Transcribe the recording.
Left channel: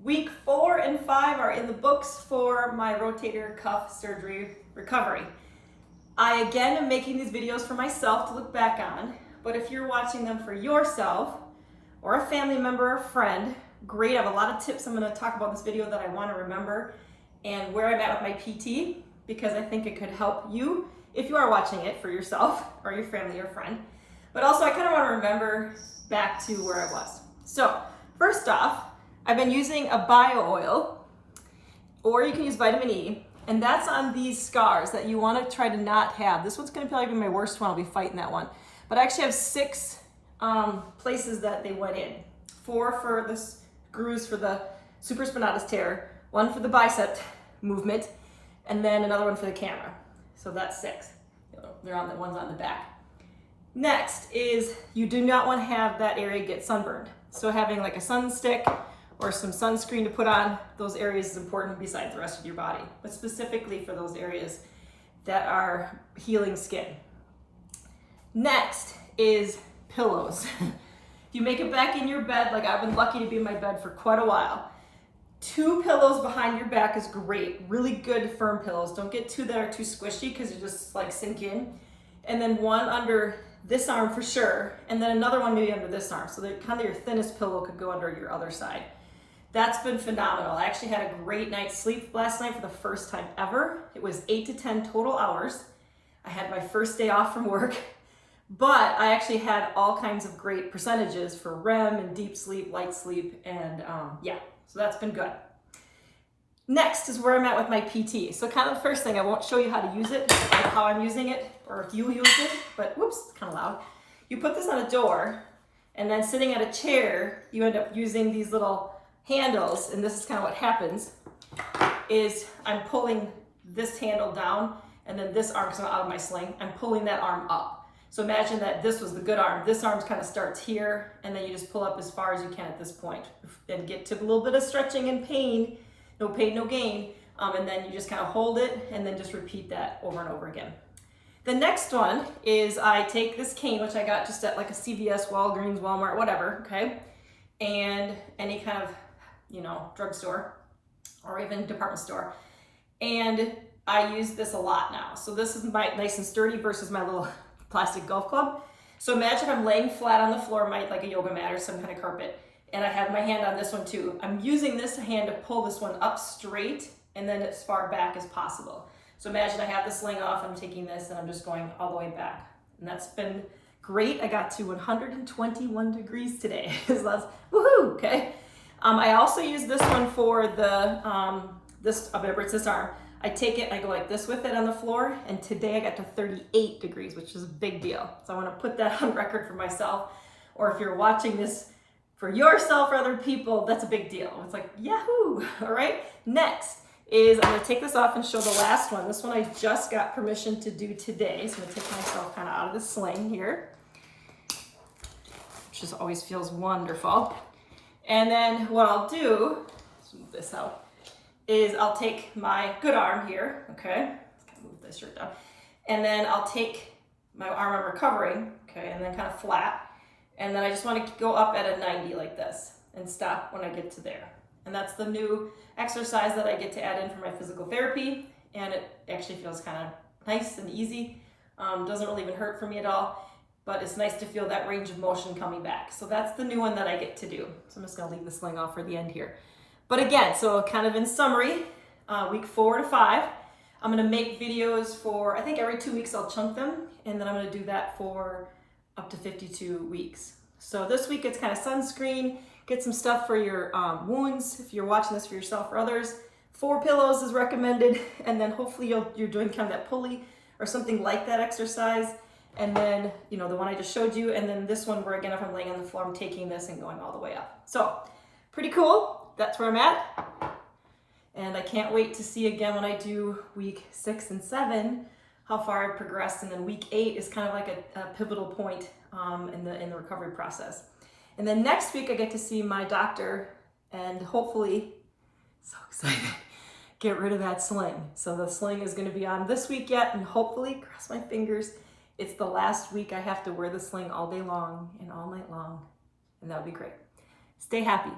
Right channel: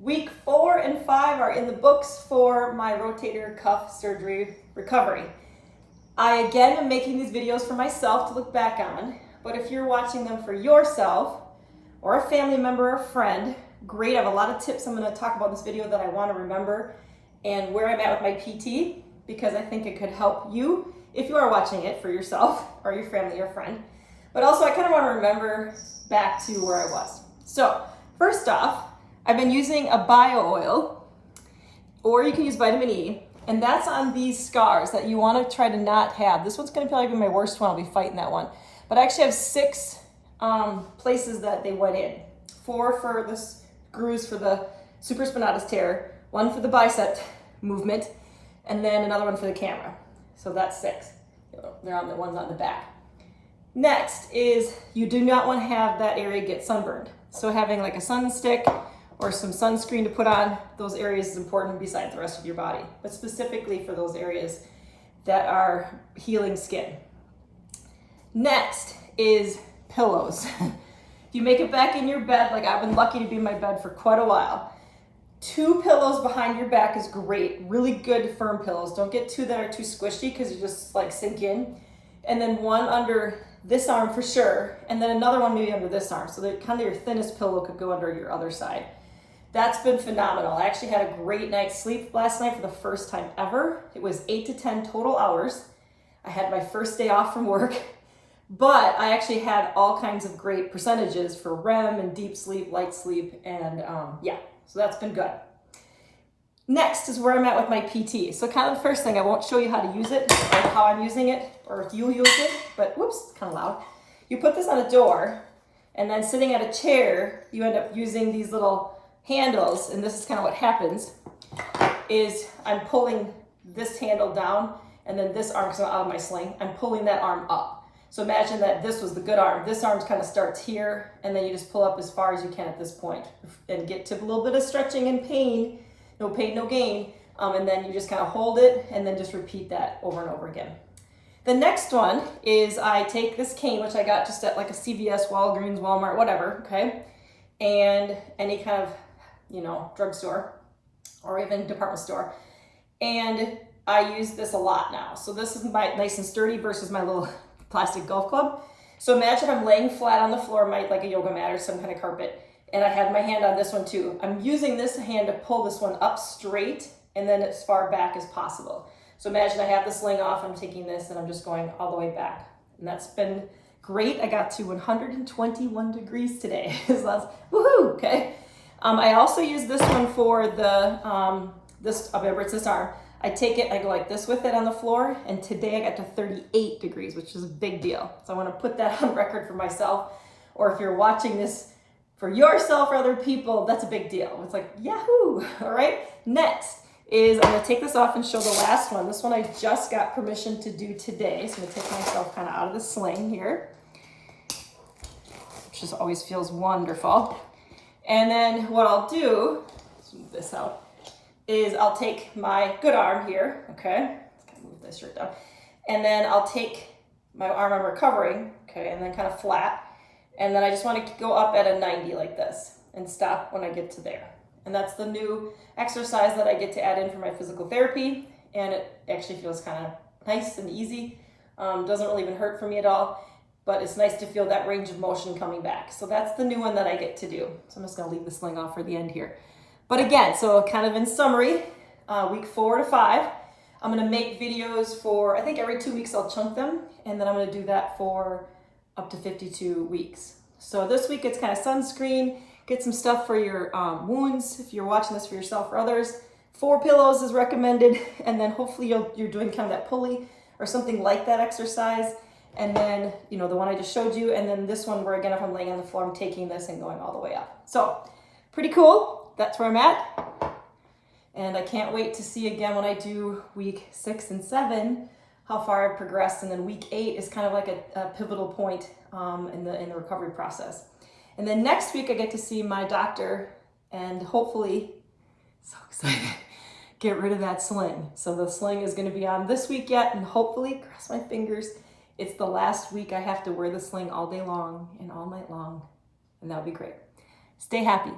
Week 4 and 5 are in the books for my rotator cuff surgery recovery. I again am making these videos for myself to look back on, but if you're watching them for yourself or a family member or friend, great. I have a lot of tips I'm going to talk about in this video that I want to remember and where I'm at with my PT, because I think it could help you if you are watching it for yourself or your family or friend. But also I kind of want to remember back to where I was. So first off, I've been using a bio oil, or you can use vitamin E, and that's on these scars that you want to try to not have. This one's going to probably be my worst one. I'll be fighting that one. But I actually have 6 places that they went in. 4 for the grooves for the supraspinatus tear, 1 for the bicep movement, and then another one for the camera. So that's 6. They're on the ones on the back. Next is you do not want to have that area get sunburned. So having like a sun stick or some sunscreen to put on those areas is important besides the rest of your body, but specifically for those areas that are healing skin. Next is pillows. If you make it back in your bed, like I've been lucky to be in my bed for quite a while, 2 pillows behind your back is great. Really good firm pillows. Don't get 2 that are too squishy because you just like sink in. And then 1 under this arm for sure, and then another one maybe under this arm, so that kind of your thinnest pillow could go under your other side. That's been phenomenal. I actually had a great night's sleep last night for the first time ever. It was 8 to 10 total hours. I had my first day off from work, but I actually had all kinds of great percentages for REM and deep sleep, light sleep, and yeah, so that's been good. Next is where I'm at with my PT. So kind of the first thing, I won't show you how to use it, like how I'm using it, or if you use it, but whoops, kind of loud. You put this on a door, and then sitting at a chair, you end up using these little handles, and this is kind of what happens, is I'm pulling this handle down, and then this arm, because I'm out of my sling, I'm pulling that arm up. So imagine that this was the good arm. This arm kind of starts here, and then you just pull up as far as you can at this point, and get to a little bit of stretching and pain. No pain, no gain. And then you just kind of hold it and then just repeat that over and over again. The next one is I take this cane, which I got just at like a CVS, Walgreens, Walmart, whatever, okay? And any kind of, drugstore or even department store. And I use this a lot now. So this is my nice and sturdy versus my little plastic golf club. So imagine if I'm laying flat on the floor, like a yoga mat or some kind of carpet, and I have my hand on this one too. I'm using this hand to pull this one up straight and then as far back as possible. So imagine I have the sling off, I'm taking this and I'm just going all the way back. And that's been great. I got to 121 degrees today. So that's woohoo, okay. I also use this one for the, remember it's this arm. I take it, I go like this with it on the floor, and today I got to 38 degrees, which is a big deal. So I want to put that on record for myself, or if you're watching this for yourself or other people, that's a big deal. It's like, yahoo, all right? Next is I'm gonna take this off and show the last one. This one I just got permission to do today. So I'm gonna take myself kind of out of the sling here, which just always feels wonderful. And then what I'll do, let's move this out, is I'll take my good arm here, okay? Let's kind of move this shirt down. And then I'll take my arm I'm recovering, okay, and then kind of flat. And then I just want to go up at a 90 like this and stop when I get to there. And that's the new exercise that I get to add in for my physical therapy. And it actually feels kind of nice and easy. Doesn't really even hurt for me at all, but it's nice to feel that range of motion coming back. So that's the new one that I get to do. So I'm just going to leave the sling off for the end here. But again, so kind of in summary, week 4 to 5, I'm going to make videos for, I think every 2 weeks I'll chunk them. And then I'm going to do that for up to 52 weeks. So this week it's kind of sunscreen, get some stuff for your wounds if you're watching this for yourself or others. 4 pillows is recommended, and then hopefully you're doing kind of that pulley or something like that exercise. And then, the one I just showed you, and then this one where again, if I'm laying on the floor, I'm taking this and going all the way up. So pretty cool. That's where I'm at. And I can't wait to see again when I do week 6 and 7, how far I've progressed, and then week 8 is kind of like a pivotal point in the recovery process. And then next week I get to see my doctor and hopefully, so excited, get rid of that sling. So the sling is going to be on this week yet, and hopefully, cross my fingers, it's the last week I have to wear the sling all day long and all night long, and that would be great. Stay happy.